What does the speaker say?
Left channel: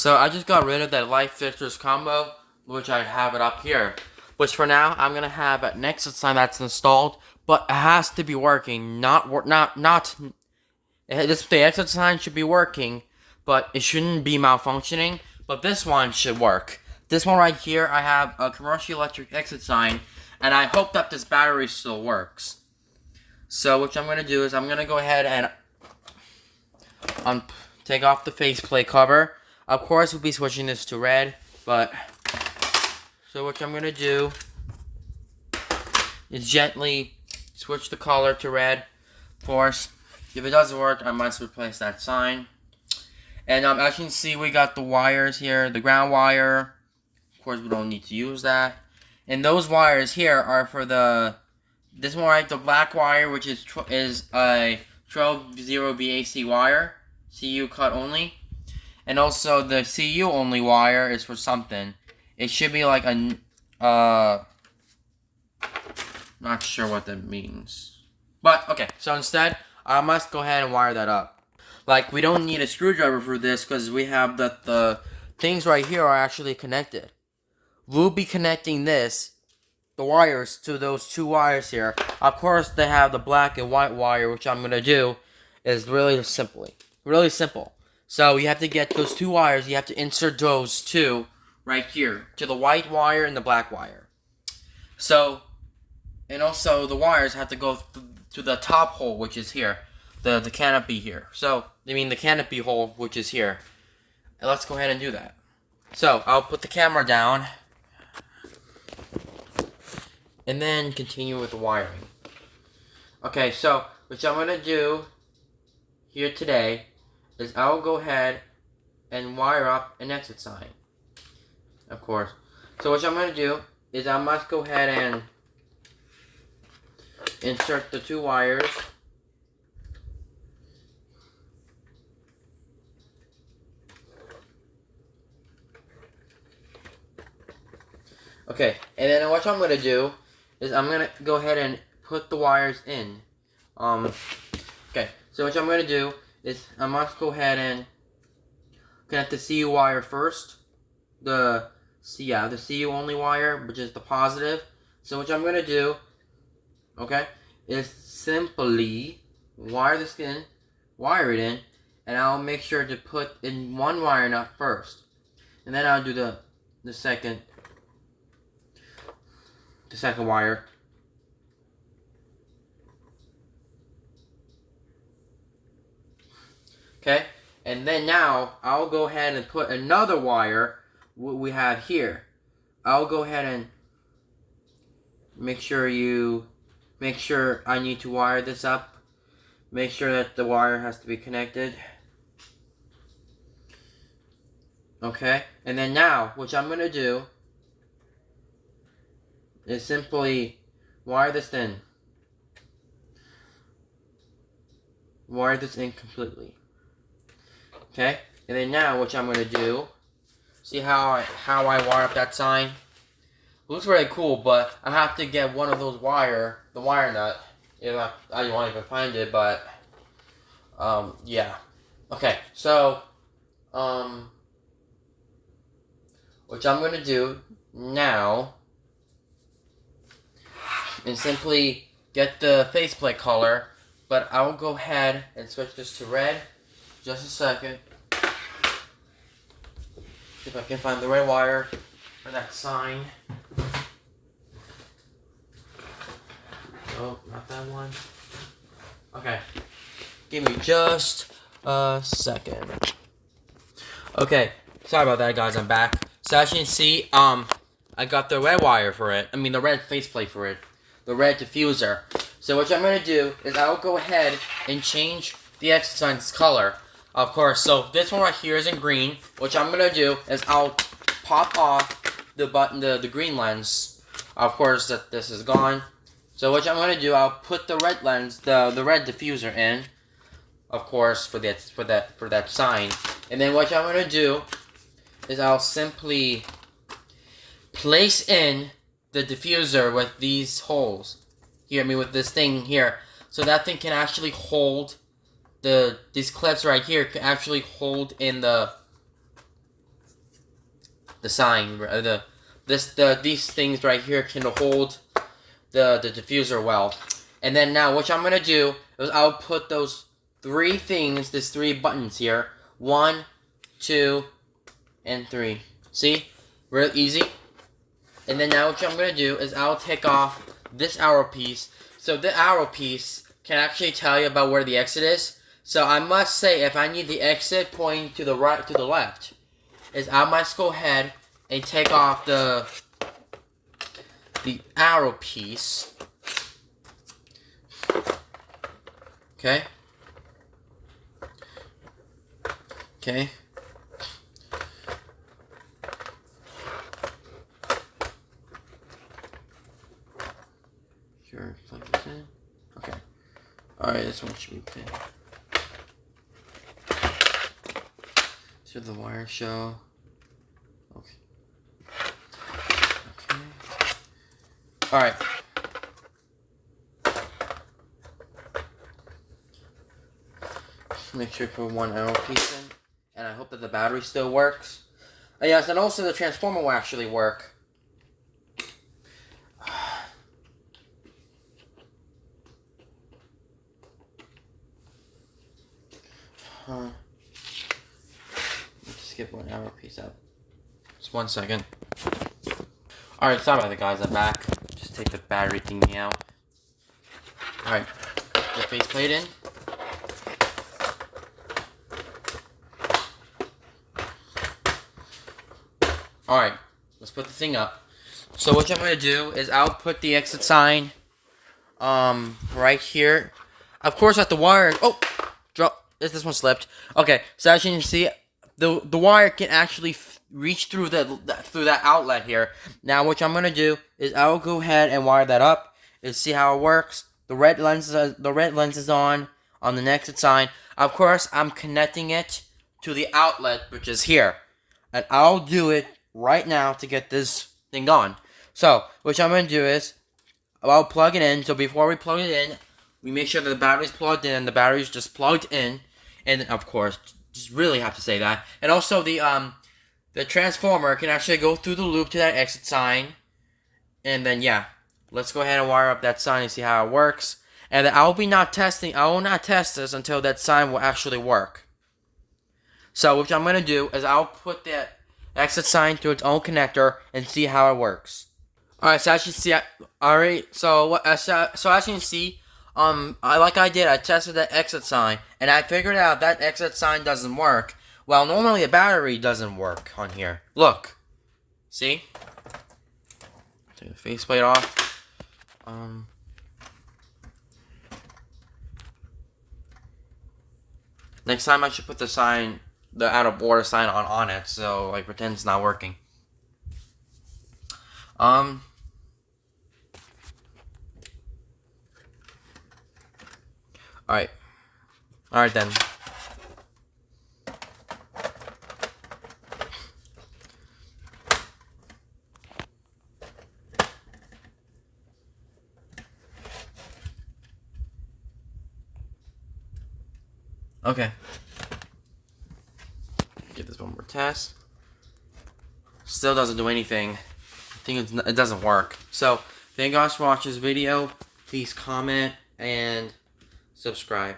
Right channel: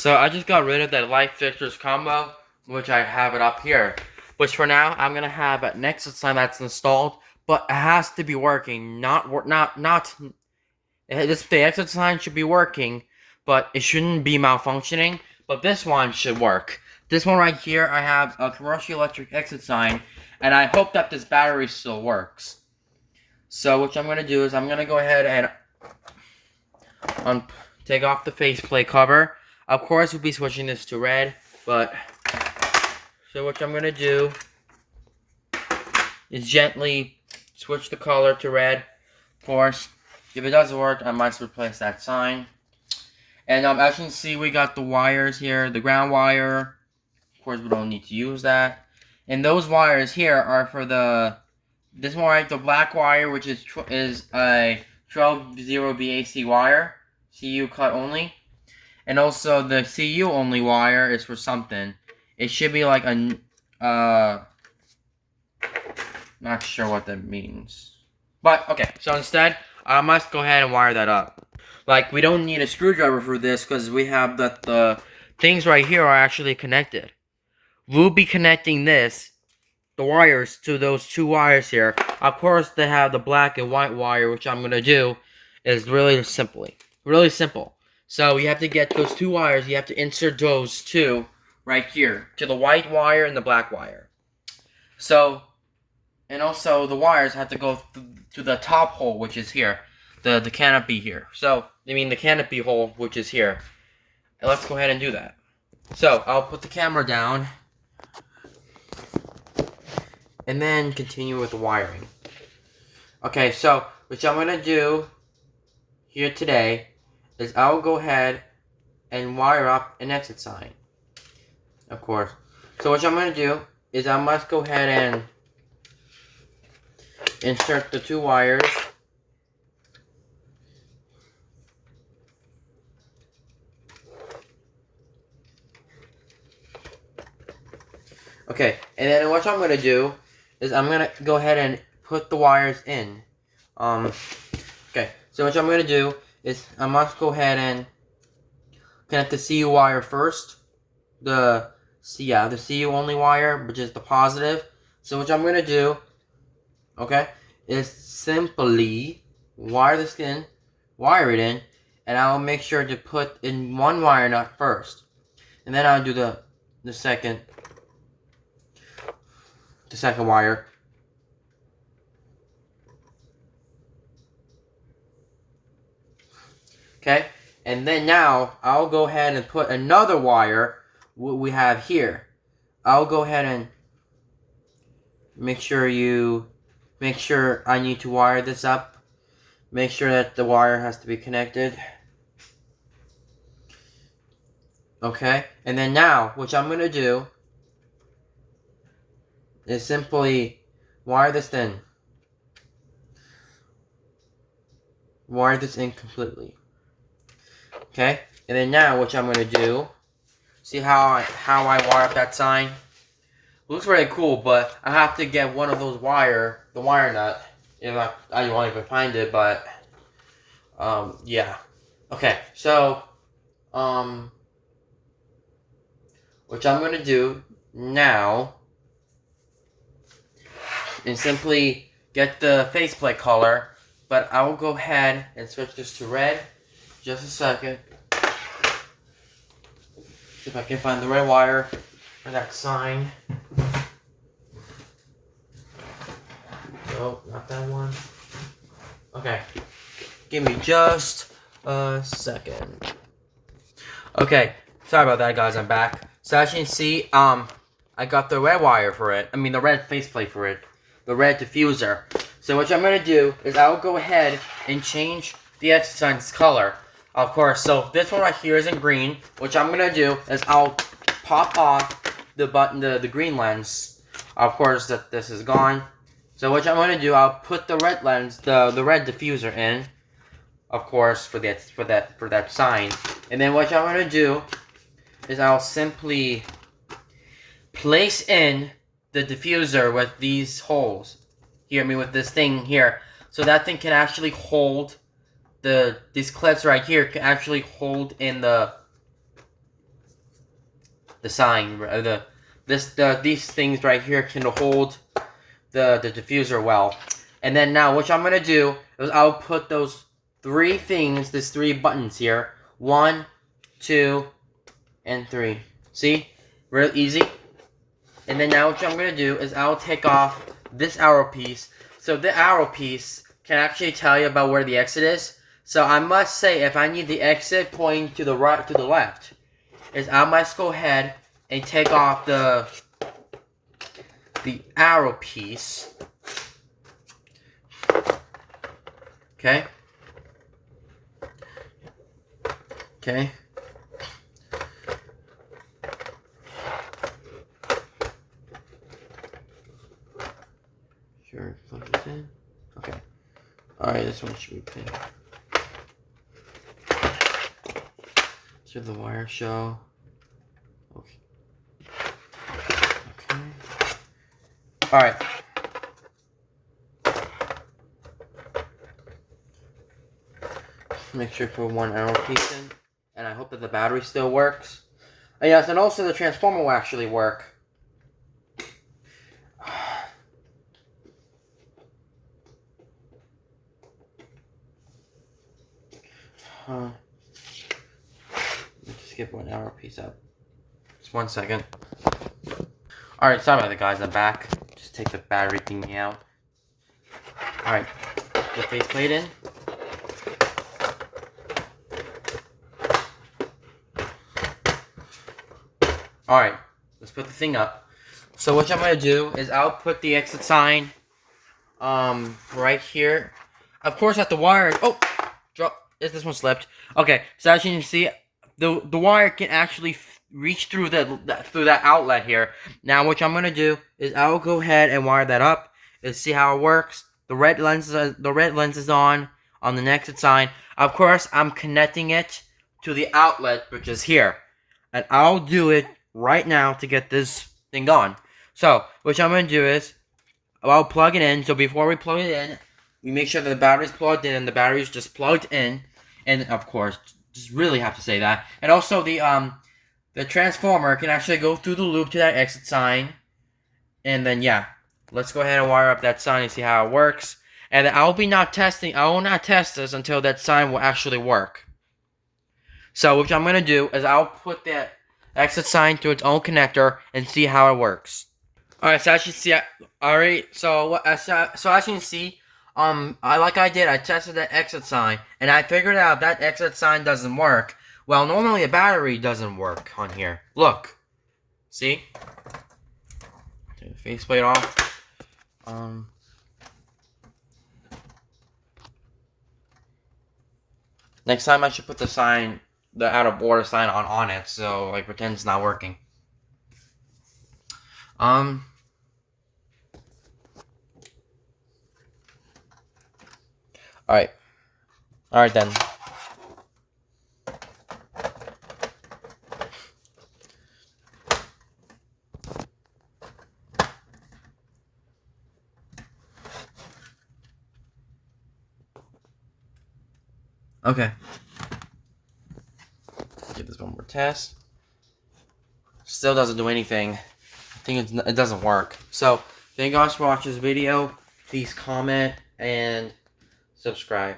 So I just got rid of that light fixtures combo, which I have it up here. Which for now I'm gonna have a Nexus sign that's installed, but it has to be working. The exit sign should be working, but it shouldn't be malfunctioning. But this one should work. This one right here, I have a commercial electric exit sign, and I hope that this battery still works. So what I'm gonna do is I'm gonna go ahead and take off the faceplate cover. Of course, we'll be switching this to red, but so what I'm gonna do is gently switch the color to red. Of course, if it doesn't work, I might replace that sign. And as you can see, we got the wires here, the ground wire. Of course, we don't need to use that. And those wires here are for this one right, the black wire, which is a 12-0 BAC wire, CU cut only. And also the CU only wire is for something. It should be like not sure what that means. But okay, so instead, I must go ahead and wire that up. Like, we don't need a screwdriver for this because we have the things right here are actually connected. We'll be connecting the wires to those two wires here. Of course, they have the black and white wire, which I'm gonna do is really simple. So you have to get those two wires. You have to insert those two right here to the white wire and the black wire. So, and also the wires have to go to the top hole, which is here, the canopy here. So, I mean the canopy hole, which is here. And let's go ahead and do that. So, I'll put the camera down and then continue with the wiring. Okay, so what I'm gonna do here today is I'll go ahead and wire up an exit sign. Of course. So what I'm gonna do is I must go ahead and insert the two wires. Okay, and then what I'm gonna do is I'm gonna go ahead and put the wires in. Okay, so what I'm gonna do is I must go ahead and connect the CU wire first. The CU only wire, which is the positive. So what I'm gonna do, okay, is simply wire it in, and I'll make sure to put in one wire nut first, and then I'll do the second wire. Okay, and then now I'll go ahead and put another wire, what we have here. I'll go ahead and make sure I need to wire this up. Make sure that the wire has to be connected. Okay, and then now what I'm gonna do is simply wire this in. Wire this in completely. Okay, and then now what I'm gonna do, see how I wire up that sign? It looks very cool, but I have to get one of those the wire nut. If I won't even find it, but yeah. Okay, so what I'm gonna do now is simply get the faceplate color, but I will go ahead and switch this to red. Just a second. See if I can find the red wire for that sign. Oh, not that one. Okay. Give me just a second. Okay. Sorry about that, guys. I'm back. So as you can see, I got the red wire for it. I mean, the red faceplate for it. The red diffuser. So what I'm going to do is I'll go ahead and change the exit sign's color. Of course, so this one right here is in green. What I'm going to do is I'll pop off the green lens. Of course, that this is gone. So what I'm going to do, I'll put the red lens, the red diffuser in. Of course, for that sign. And then what I'm going to do is I'll simply place in the diffuser with these holes. Here, with this thing here. So that thing can actually hold these clips right here can actually hold in the the sign, these things right here can hold the diffuser well. And then now, what I'm gonna do is I'll put those three things, these three buttons here, 1, 2, and 3. See, real easy. And then now, what I'm gonna do is I'll take off this arrow piece. So the arrow piece can actually tell you about where the exit is. So I must say, if I need the exit pointing to the right, to the left, is I must go ahead and take off the arrow piece. Okay. Okay. Sure, plug this in. Okay. Alright, this one should be clear. Should the wire show? Okay. Okay. Alright. Make sure to put one arrow piece in. And I hope that the battery still works. And yes, and also the transformer will actually work. Let's skip one arrow piece out. Just 1 second. Alright, sorry about that, guys. I'm back. Just take the battery thingy out. Alright. The faceplate in. Alright. Let's put the thing up. So what I'm going to do is I'll put the exit sign right here. Of course, at the wire... Oh! This one slipped. Okay, so as you can see, the wire can actually reach through that outlet here. Now, what I'm gonna do is I'll go ahead and wire that up and see how it works. The red lens is on the exit sign. Of course, I'm connecting it to the outlet, which is here, and I'll do it right now to get this thing on. So, what I'm gonna do is I'll plug it in. So before we plug it in, we make sure that the battery's plugged in and the battery's just plugged in. And of course, just really have to say that. And also the transformer can actually go through the loop to that exit sign. And then yeah, let's go ahead and wire up that sign and see how it works. And I will not test this until that sign will actually work. So what I'm gonna do is I'll put that exit sign through its own connector and see how it works. Alright, so as you see, so as you can see, I tested that exit sign, and I figured out that exit sign doesn't work. Well, normally a battery doesn't work on here. Look. See? Take the faceplate off. Next time I should put the out of order sign on it, so like pretend it's not working. Alright. Alright then. Okay. Give this one more test. Still doesn't do anything. I think it doesn't work. So, thank you guys for watching this video. Please comment and subscribe.